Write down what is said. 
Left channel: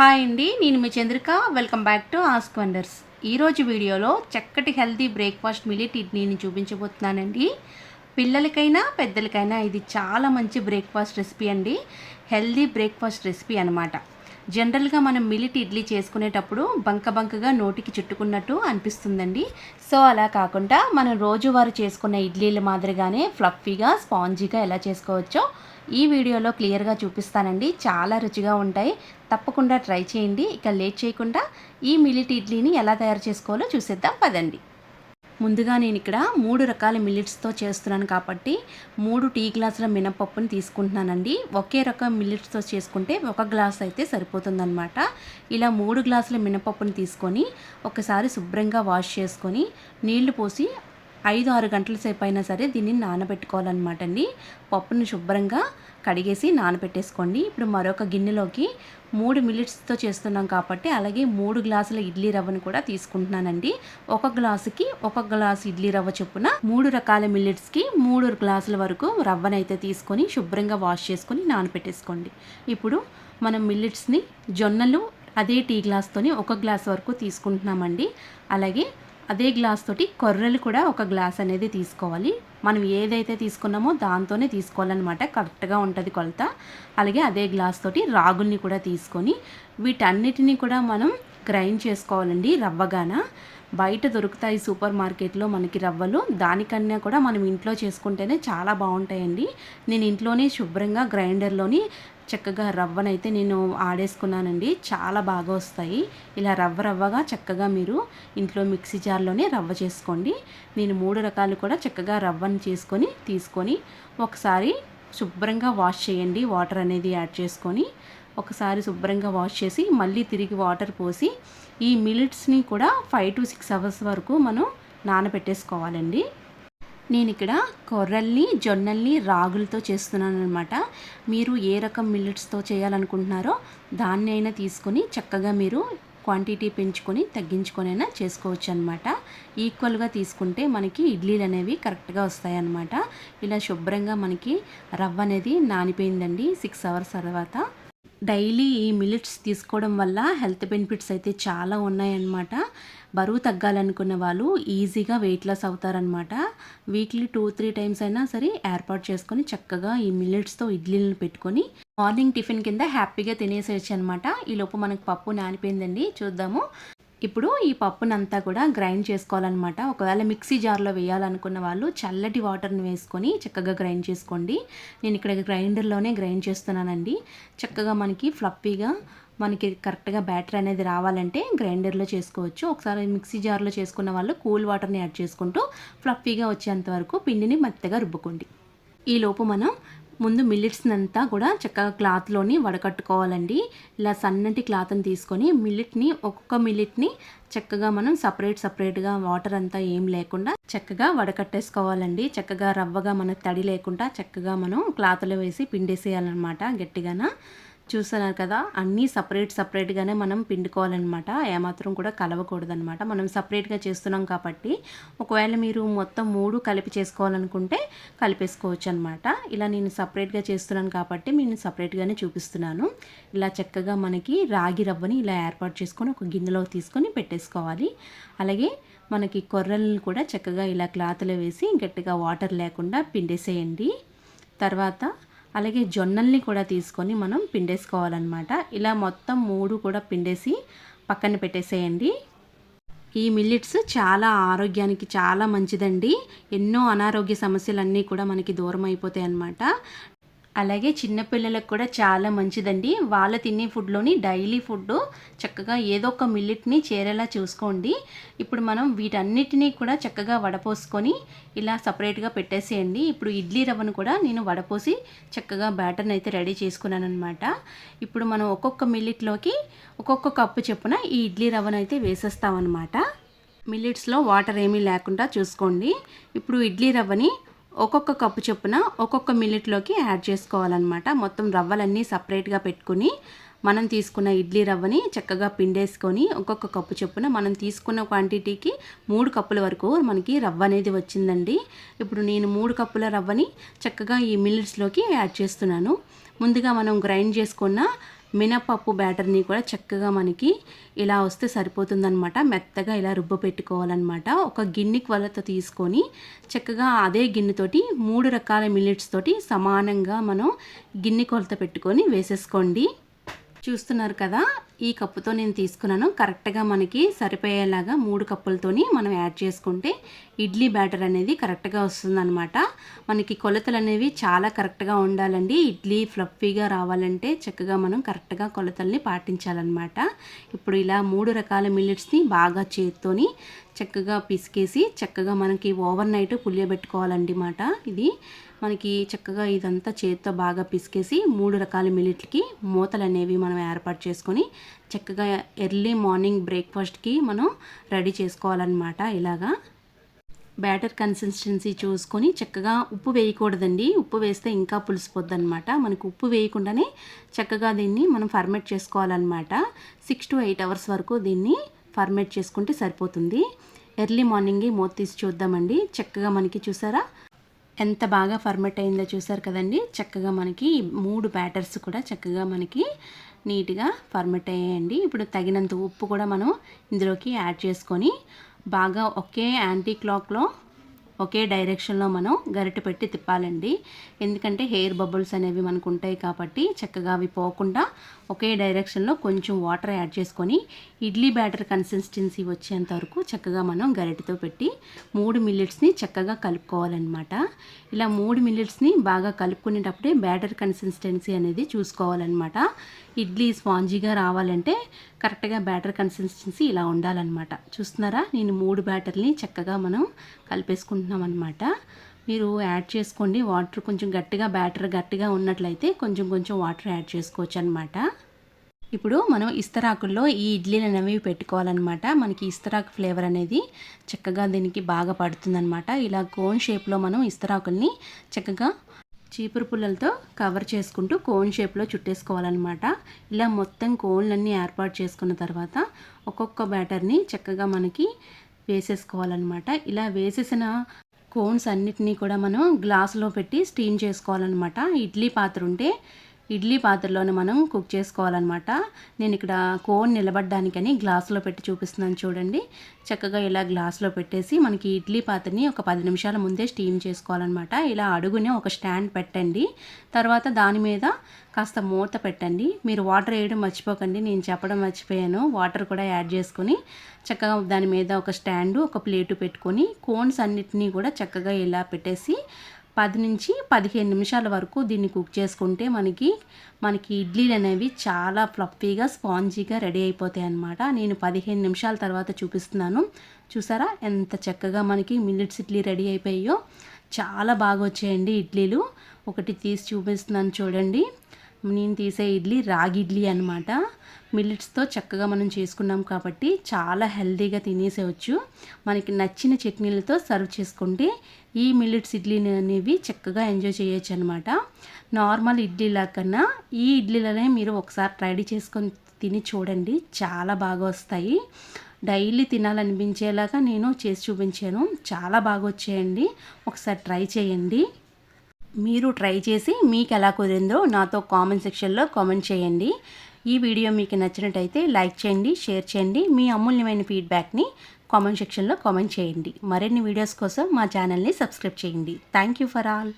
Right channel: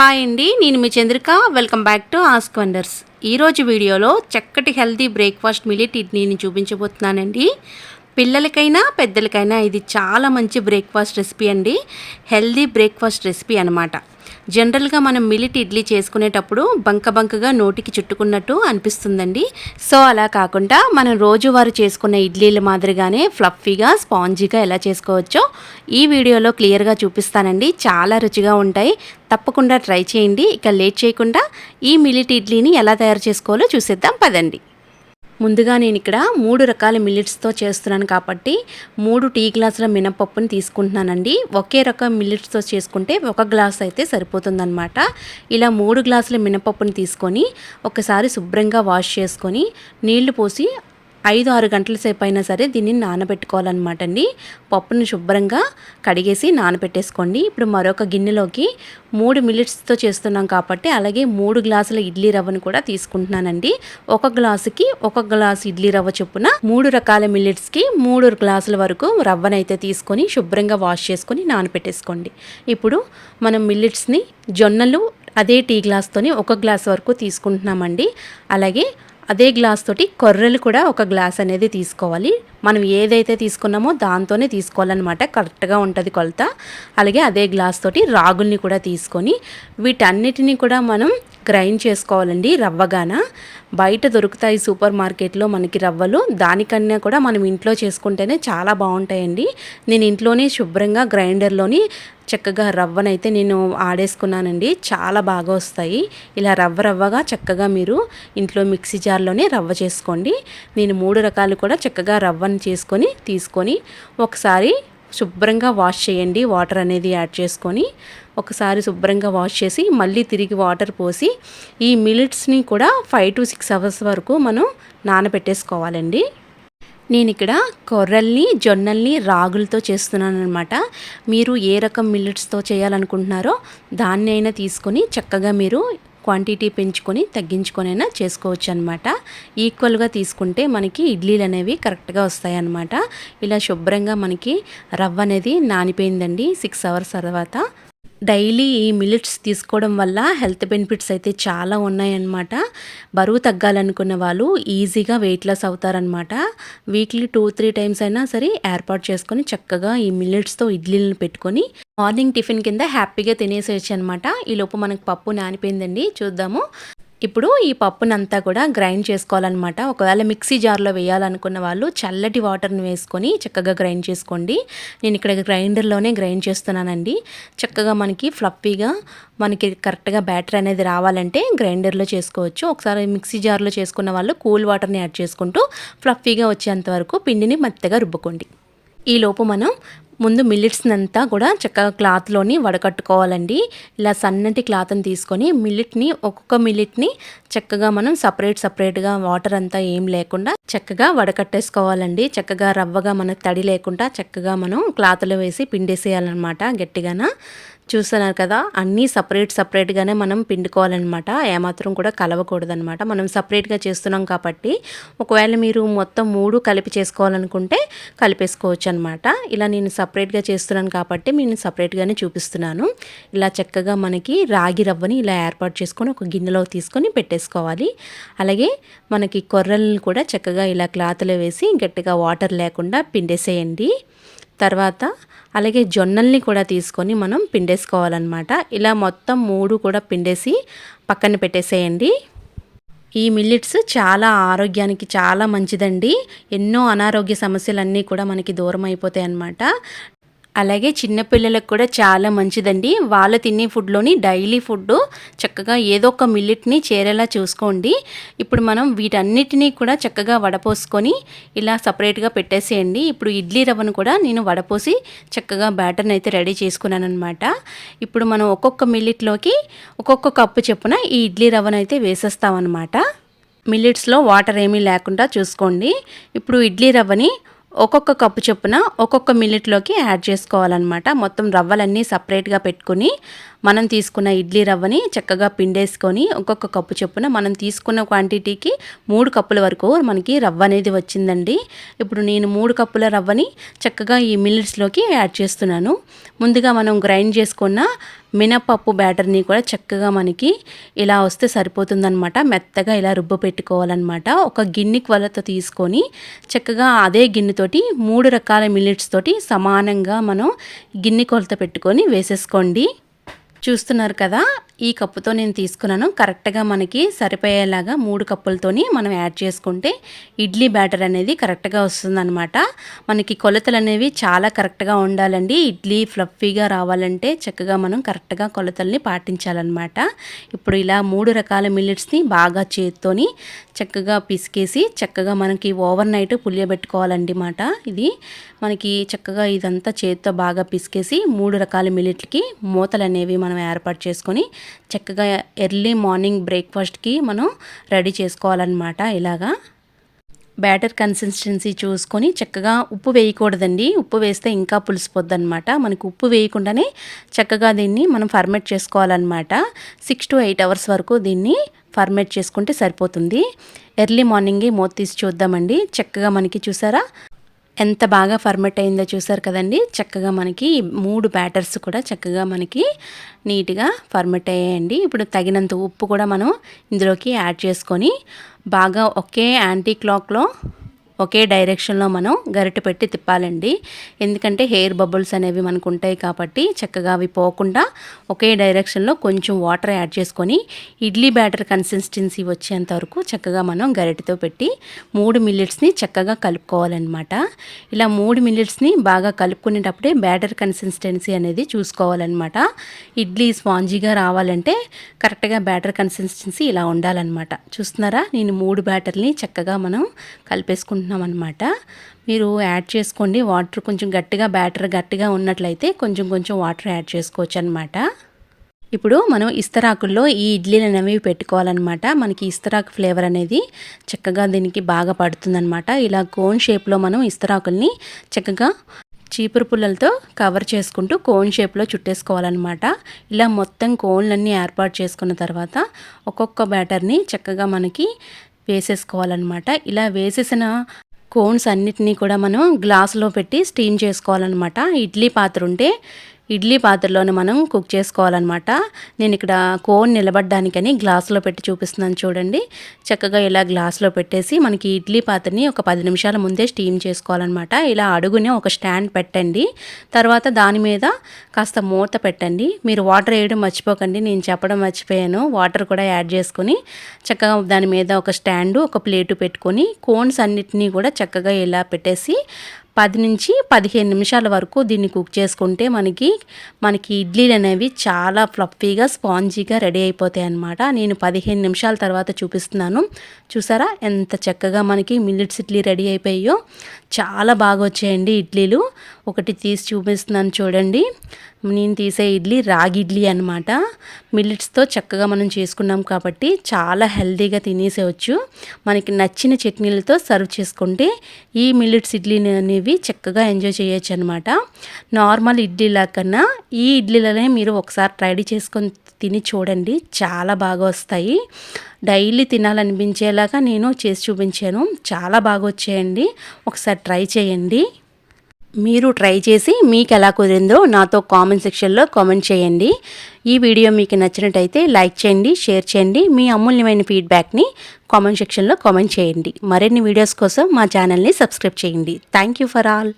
Hi అండి, నేను మీ Chandrika. Welcome back to ask wonders. ఈరోజు వీడియోలో చక్కటి హెల్తీ బ్రేక్ఫాస్ట్ మిల్లెట్ ఇడ్లీని చూపించబోతున్నానండి. పిల్లలకైనా పెద్దలకైనా ఇది చాలా మంచి బ్రేక్ఫాస్ట్ రెసిపీ అండి. హెల్దీ బ్రేక్ఫాస్ట్ రెసిపీ అనమాట. జనరల్గా మనం మిల్లెట్ ఇడ్లీ చేసుకునేటప్పుడు బంకగా నోటికి చుట్టుకున్నట్టు అనిపిస్తుందండి. సో అలా కాకుండా మనం రోజువారీ చేసుకునే ఇడ్లీల మాదిరిగానే ఫ్లఫీగా స్పాంజీగా ఎలా చేసుకోవచ్చో ఈ వీడియోలో క్లియర్గా చూపిస్తానండి. చాలా రుచిగా ఉంటాయి. తప్పకుండా ట్రై చేయండి. ఇక లేట్ చేయకుండా ఈ మిల్లెట్ ఇడ్లీని ఎలా తయారు చేసుకోవాలో చూసేద్దాం పదండి. ముందుగా నేను ఇక్కడ 3 రకాల మిల్లెట్స్తో చేస్తున్నాను కాబట్టి 3 టీ గ్లాసుల మినపప్పుని తీసుకుంటున్నానండి. ఒకే రకం మిల్లెట్స్తో చేసుకుంటే 1 గ్లాస్ అయితే సరిపోతుందన్నమాట. ఇలా 3 గ్లాసుల మినపప్పుని తీసుకొని ఒకసారి శుభ్రంగా వాష్ చేసుకొని నీళ్లు పోసి 5-6 గంటల సేపు అయినా సరే దీన్ని నానబెట్టుకోవాలన్నమాట అండి. పప్పుని శుభ్రంగా కడిగేసి నానబెట్టేసుకోండి. ఇప్పుడు మరొక గిన్నెలోకి 3 మిల్లెట్స్తో చేస్తున్నాం కాబట్టి అలాగే 3 గ్లాసుల ఇడ్లీ రవ్వను కూడా తీసుకుంటున్నానండి. 1 గ్లాసుకి 1 గ్లాసు ఇడ్లీ రవ్వ చొప్పున 3 రకాల మిల్లెట్స్కి 3 గ్లాసుల వరకు రవ్వనైతే తీసుకొని శుభ్రంగా వాష్ చేసుకొని నానబెట్టేసుకోండి. ఇప్పుడు మనం మిల్లెట్స్ని జొన్నలు అదే టీ గ్లాస్తోని 1 గ్లాస్ వరకు తీసుకుంటున్నామండి. అలాగే అదే గ్లాస్ తోటి కొర్రలు కూడా 1 గ్లాస్ అనేది తీసుకోవాలి. మనం ఏదైతే తీసుకున్నామో దాంతోనే తీసుకోవాలన్నమాట. కరెక్ట్గా ఉంటుంది కొలత. అలాగే అదే గ్లాస్ తోటి రాగుల్ని కూడా తీసుకొని వీటన్నిటిని కూడా మనం గ్రైండ్ చేసుకోవాలండి. రవ్వగాన బయట దొరుకుతాయి సూపర్ మార్కెట్లో మనకి రవ్వలు. దానికన్నా కూడా మనం ఇంట్లో చేసుకుంటేనే చాలా బాగుంటాయండి. నేను ఇంట్లోనే శుభ్రంగా గ్రైండర్లోని చక్కగా రవ్వనైతే నేను ఆడేసుకున్నానండి. చాలా బాగా వస్తాయి. ఇలా రవ్వగా చక్కగా మీరు ఇంట్లో మిక్సీ జార్లోనే రవ్వ చేసుకోండి. నేను 3 రకాలు కూడా చక్కగా రవ్వను తీసుకొని ఒకసారి శుభ్రంగా వాష్ చేయండి. వాటర్ అనేది యాడ్ చేసుకొని ఒకసారి శుభ్రంగా వాష్ చేసి మళ్ళీ తిరిగి వాటర్ పోసి ఈ మిల్లెట్స్ని కూడా 5 to 6 అవర్స్ వరకు మనం నానబెట్టేసుకోవాలండి. నేను ఇక్కడ కొర్రల్ని జొన్నల్ని రాగులతో చేస్తున్నాను అనమాట. మీరు ఏ రకం మిల్లెట్స్తో చేయాలనుకుంటున్నారో దాన్ని అయినా తీసుకొని చక్కగా మీరు క్వాంటిటీ పెంచుకొని తగ్గించుకొనైనా చేసుకోవచ్చు అనమాట. ఈక్వల్గా తీసుకుంటే మనకి ఇడ్లీలు అనేవి కరెక్ట్గా వస్తాయి అన్నమాట. ఇలా శుభ్రంగా మనకి రవ్వ అనేది నానిపోయిందండి 6 అవర్స్ తర్వాత. డైలీ ఈ మిల్లెట్స్ తీసుకోవడం వల్ల హెల్త్ బెనిఫిట్స్ అయితే చాలా ఉన్నాయన్నమాట. బరువు తగ్గాలనుకున్న వాళ్ళు ఈజీగా వెయిట్ లాస్ అవుతారనమాట. వీక్లీ 2-3 టైమ్స్ అయినా సరే ఏర్పాటు చేసుకొని చక్కగా ఈ మిల్లెట్స్తో ఇడ్లీలను పెట్టుకొని మార్నింగ్ టిఫిన్ కింద హ్యాపీగా తినేసేయచ్చు అనమాట. ఈలోపు మనకు పప్పు నానిపోయిందండి. చూద్దాము. ఇప్పుడు ఈ పప్పునంతా కూడా గ్రైండ్ చేసుకోవాలన్నమాట. ఒకవేళ మిక్సీ జార్లో వేయాలనుకున్న వాళ్ళు చల్లటి వాటర్ని వేసుకొని చక్కగా గ్రైండ్ చేసుకోండి. నేను ఇక్కడ గ్రైండర్లోనే గ్రైండ్ చేస్తున్నానండి. చక్కగా మనకి ఫ్లఫీగా మనకి కరెక్ట్గా బ్యాటర్ అనేది రావాలంటే గ్రైండర్లో చేసుకోవచ్చు. ఒకసారి మిక్సీ జార్లో చేసుకున్న వాళ్ళు కూల్ వాటర్ని యాడ్ చేసుకుంటూ ఫ్లఫీగా వచ్చేంత వరకు పిండిని మెత్తగా రుబ్బుకోండి. ఈలోపు మనం ముందు మిల్లెట్స్ని అంతా కూడా చక్కగా క్లాత్లోని వడకట్టుకోవాలండి. ఇలా సన్నటి క్లాత్ని తీసుకొని ఒక్కొక్క మిల్లెట్ని చక్కగా మనం సపరేట్గా వాటర్ అంతా ఏం లేకుండా చక్కగా వడకట్టేసుకోవాలండి. చక్కగా రవ్వగా మనకు తడి లేకుండా చక్కగా మనం క్లాత్లో వేసి పిండేసేయాలన్నమాట గట్టిగాన. చూస్తున్నారు కదా, అన్నీ సపరేట్గానే మనం పిండుకోవాలన్నమాట. ఏమాత్రం కూడా కలవకూడదనమాట. మనం సపరేట్గా చేస్తున్నాం కాబట్టి ఒకవేళ మీరు మొత్తం 3 కలిపి చేసుకోవాలనుకుంటే కలిపేసుకోవచ్చు అనమాట. ఇలా నేను సపరేట్గా చేస్తున్నాను కాబట్టి నేను సపరేట్గానే చూపిస్తున్నాను. ఇలా చక్కగా మనకి రాగి రవ్వని ఇలా ఏర్పాటు చేసుకొని ఒక గిన్నెలో తీసుకొని పెట్టేసుకోవాలి. అలాగే మనకి కొర్రలను కూడా చక్కగా ఇలా క్లాత్లో వేసి గట్టిగా వాటర్ లేకుండా పిండేసేయండి. తర్వాత అలాగే జొన్నల్ని కూడా తీసుకొని మనం పిండేసుకోవాలన్నమాట. ఇలా మొత్తం 3 కూడా పిండేసి పక్కన పెట్టేసేయండి. ఈ మిల్లెట్స్ చాలా ఆరోగ్యానికి చాలా మంచిదండి. ఎన్నో అనారోగ్య సమస్యలన్నీ కూడా మనకి దూరం అయిపోతాయి అన్నమాట. అలాగే చిన్నపిల్లలకు కూడా చాలా మంచిదండి. వాళ్ళు తినే ఫుడ్లోని డైలీ ఫుడ్ చక్కగా ఏదో ఒక మిల్లెట్ని చేరేలా చూసుకోండి. ఇప్పుడు మనం వీటన్నిటినీ కూడా చక్కగా వడపోసుకొని ఇలా సపరేట్గా పెట్టేసేయండి. ఇప్పుడు ఇడ్లీ రవ్వను కూడా నేను వడపోసి చక్కగా బ్యాటర్ని అయితే రెడీ చేసుకున్నాను అనమాట. ఇప్పుడు మనం ఒక్కొక్క మిల్లెట్లోకి ఒక్కొక్క కప్పు చొప్పున ఈ ఇడ్లీ రవ్వను అయితే వేసేస్తామన్నమాట. మిల్లెట్స్లో వాటర్ ఏమీ లేకుండా చూసుకోండి. ఇప్పుడు ఇడ్లీ రవ్వని ఒక్కొక్క కప్పు చొప్పున ఒక్కొక్క మిల్లెట్లోకి యాడ్ చేసుకోవాలన్నమాట. మొత్తం రవ్వలన్నీ సపరేట్గా పెట్టుకుని మనం తీసుకున్న ఇడ్లీ రవ్వని చక్కగా పిండేసుకొని ఒక్కొక్క కప్పు చొప్పున మనం తీసుకున్న క్వాంటిటీకి 3 కప్పుల వరకు మనకి రవ్వ అనేది వచ్చిందండి. ఇప్పుడు నేను 3 కప్పుల రవ్వని చక్కగా ఈ మిల్లెట్స్లోకి యాడ్ చేస్తున్నాను. ముందుగా మనం గ్రైండ్ చేసుకున్న మినపప్పు బ్యాటర్ని కూడా చక్కగా మనకి ఇలా వస్తే సరిపోతుందన్నమాట. మెత్తగా ఇలా రుబ్బ పెట్టుకోవాలన్నమాట. ఒక గిన్నె కొలత తీసుకొని చక్కగా అదే గిన్నెతోటి 3 రకాల మిల్లెట్స్ తోటి సమానంగా మనం గిన్నె కొలత పెట్టుకొని వేసేసుకోండి. చూస్తున్నారు కదా, ఈ కప్పుతో నేను తీసుకున్నాను. కరెక్ట్గా మనకి సరిపోయేలాగా 3 కప్పులతోని మనం యాడ్ చేసుకుంటే ఇడ్లీ బ్యాటర్ అనేది కరెక్ట్గా వస్తుందన్నమాట. మనకి కొలతలు అనేవి చాలా కరెక్ట్గా ఉండాలండి. ఇడ్లీ ఫ్లఫీగా రావాలంటే చక్కగా మనం కరెక్ట్గా కొలతల్ని పాటించాలన్నమాట. ఇప్పుడు ఇలా 3 రకాల మిల్లెట్స్ని బాగా చేత్తోని చక్కగా పిసికేసి చక్కగా మనకి ఓవర్ నైట్ పులియబెట్టుకోవాలండి మాట. ఇది మనకి చక్కగా ఇదంతా చేత్తో బాగా పిసికేసి 3 రకాల మిల్లెట్లకి మూతలు అనేవి మనం ఏర్పాటు చేసుకొని చక్కగా ఎర్లీ మార్నింగ్ బ్రేక్ఫాస్ట్కి మనం రెడీ చేసుకోవాలన్నమాట. ఇలాగా బ్యాటర్ కన్సిస్టెన్సీ చూసుకొని చక్కగా ఉప్పు వేయకూడదండి. ఉప్పు వేస్తే ఇంకా పులిసిపోద్ది అనమాట. మనకు ఉప్పు వేయకుండానే చక్కగా దీన్ని మనం ఫర్మెంట్ చేసుకోవాలన్నమాట. 6 to 8 అవర్స్ వరకు దీన్ని ఫర్మెంట్ చేసుకుంటే సరిపోతుంది. ఎర్లీ మార్నింగే మూత తీసి చూద్దామండి. చక్కగా మనకి చూసారా ఎంత బాగా ఫర్మెంట్ అయిందో చూసారు కదండి. చక్కగా మనకి 3 బ్యాటర్స్ కూడా చక్కగా మనకి నీట్గా ఫర్మెంట్ అయ్యాయండి. ఇప్పుడు తగినంత ఉప్పు కూడా మనం ఇందులోకి యాడ్ చేసుకొని బాగా ఒకే యాంటీ క్లాక్లో ఒకే డైరెక్షన్లో మనం గరిటె పెట్టి తిప్పాలండి. ఎందుకంటే హెయిర్ బబుల్స్ అనేవి మనకు ఉంటాయి కాబట్టి చక్కగా అవి పోకుండా ఒకే డైరెక్షన్లో కొంచెం వాటర్ యాడ్ చేసుకొని ఇడ్లీ బ్యాటర్ కన్సిస్టెన్సీ వచ్చేంత వరకు చక్కగా మనం గరిటెతో పెట్టి 3 మిల్లెట్స్ని చక్కగా కలుపుకోవాలన్నమాట. ఇలా 3 మిల్లెట్స్ని బాగా కలుపుకునేటప్పుడే బ్యాటర్ కన్సిస్టెన్సీ అనేది చూసుకోవాలన్నమాట. ఇడ్లీ స్పాంజీగా రావాలంటే కరెక్ట్గా బ్యాటర్ కన్సిస్టెన్సీ ఇలా ఉండాలన్నమాట. చూస్తున్నారా, నేను 3 బ్యాటర్ని చక్కగా మనం కలిపేసుకుంటున్నాం అనమాట. మీరు యాడ్ చేసుకోండి. వాటర్ కొంచెం గట్టిగా బ్యాటర్ గట్టిగా ఉన్నట్లయితే కొంచెం వాటర్ యాడ్ చేసుకోవచ్చు అనమాట. ఇప్పుడు మనం ఇస్తరాకుల్లో ఈ ఇడ్లీలు అనేవి పెట్టుకోవాలన్నమాట. మనకి ఇస్తరాకు ఫ్లేవర్ అనేది చక్కగా దీనికి బాగా పడుతుందన్నమాట. ఇలా కోన్ షేప్లో మనం ఇస్తరాకుల్ని చక్కగా చీపురు పుల్లలతో కవర్ చేసుకుంటూ కోన్ షేప్లో చుట్టేసుకోవాలన్నమాట. ఇలా మొత్తం కోన్లన్నీ ఏర్పాటు చేసుకున్న తర్వాత ఒక్కొక్క బ్యాటర్ని చక్కగా మనకి వేసేసుకోవాలన్నమాట. ఇలా వేసేసిన కోన్స్ అన్నిటినీ కూడా మనం గ్లాసులో పెట్టి స్టీమ్ చేసుకోవాలన్నమాట. ఇడ్లీ పాత్ర ఉంటే ఇడ్లీ పాత్రలోనే మనం కుక్ చేసుకోవాలన్నమాట. నేను ఇక్కడ కోన్ నిలబడడానికని గ్లాసులో పెట్టి చూపిస్తున్నాను చూడండి. చక్కగా ఇలా గ్లాసులో పెట్టేసి మనకి ఇడ్లీ పాత్రని ఒక 10 నిమిషాల ముందే స్టీమ్ చేసుకోవాలన్నమాట. ఇలా అడుగునే ఒక స్టాండ్ పెట్టండి. తర్వాత దాని మీద కాస్త మూత పెట్టండి. మీరు వాటర్ వేయడం మర్చిపోకండి, నేను చెప్పడం మర్చిపోయాను. వాటర్ కూడా యాడ్ చేసుకొని చక్కగా దాని మీద ఒక స్టాండు ఒక ప్లేటు పెట్టుకొని కోన్స్ అన్నిటినీ కూడా చక్కగా ఇలా పెట్టేసి 10 నుంచి 15 నిమిషాల వరకు దీన్ని కుక్ చేసుకుంటే మనకి ఇడ్లీలు అనేవి చాలా ఫ్లఫీగా స్పాంజీగా రెడీ అయిపోతాయి అన్నమాట. నేను 15 నిమిషాల తర్వాత చూపిస్తున్నాను. చూసారా ఎంత చక్కగా మనకి మిల్లెట్స్ ఇడ్లీ రెడీ అయిపోయాయో. చాలా బాగా వచ్చాయండి ఇడ్లీలు. ఒకటి తీసి చూపిస్తున్నాను చూడండి. నేను తీసే ఇడ్లీ రాగి ఇడ్లీ అనమాట. మిల్లెట్స్తో చక్కగా మనం చేసుకున్నాం కాబట్టి చాలా హెల్తీగా తినేసేవచ్చు. మనకి నచ్చిన చట్నీలతో సర్వ్ చేసుకుంటే ఈ మిల్లెట్స్ ఇడ్లీని అనేవి చక్కగా ఎంజాయ్ చేయొచ్చు అనమాట. నార్మల్ ఇడ్లీలా కన్నా ఈ ఇడ్లీలనే మీరు ఒకసారి ట్రై చేసుకొని తిని చూడండి, చాలా బాగా వస్తాయి. డైలీ తినాలనిపించేలాగా నేను చేసి చూపించాను. చాలా బాగా వచ్చాయండి. ఒకసారి ట్రై చేయండి. మీరు ట్రై చేసి మీకు ఎలా కుదిరిందో నాతో కామెంట్ సెక్షన్లో కామెంట్ చేయండి. ఈ వీడియో మీకు నచ్చినట్టయితే లైక్ చేయండి, షేర్ చేయండి. మీ అమూల్యమైన ఫీడ్బ్యాక్ని కామెంట్ సెక్షన్లో కామెంట్ చేయండి. మరిన్ని వీడియోస్ కోసం మా ఛానల్ని సబ్స్క్రైబ్ చేయండి. Thank you for all.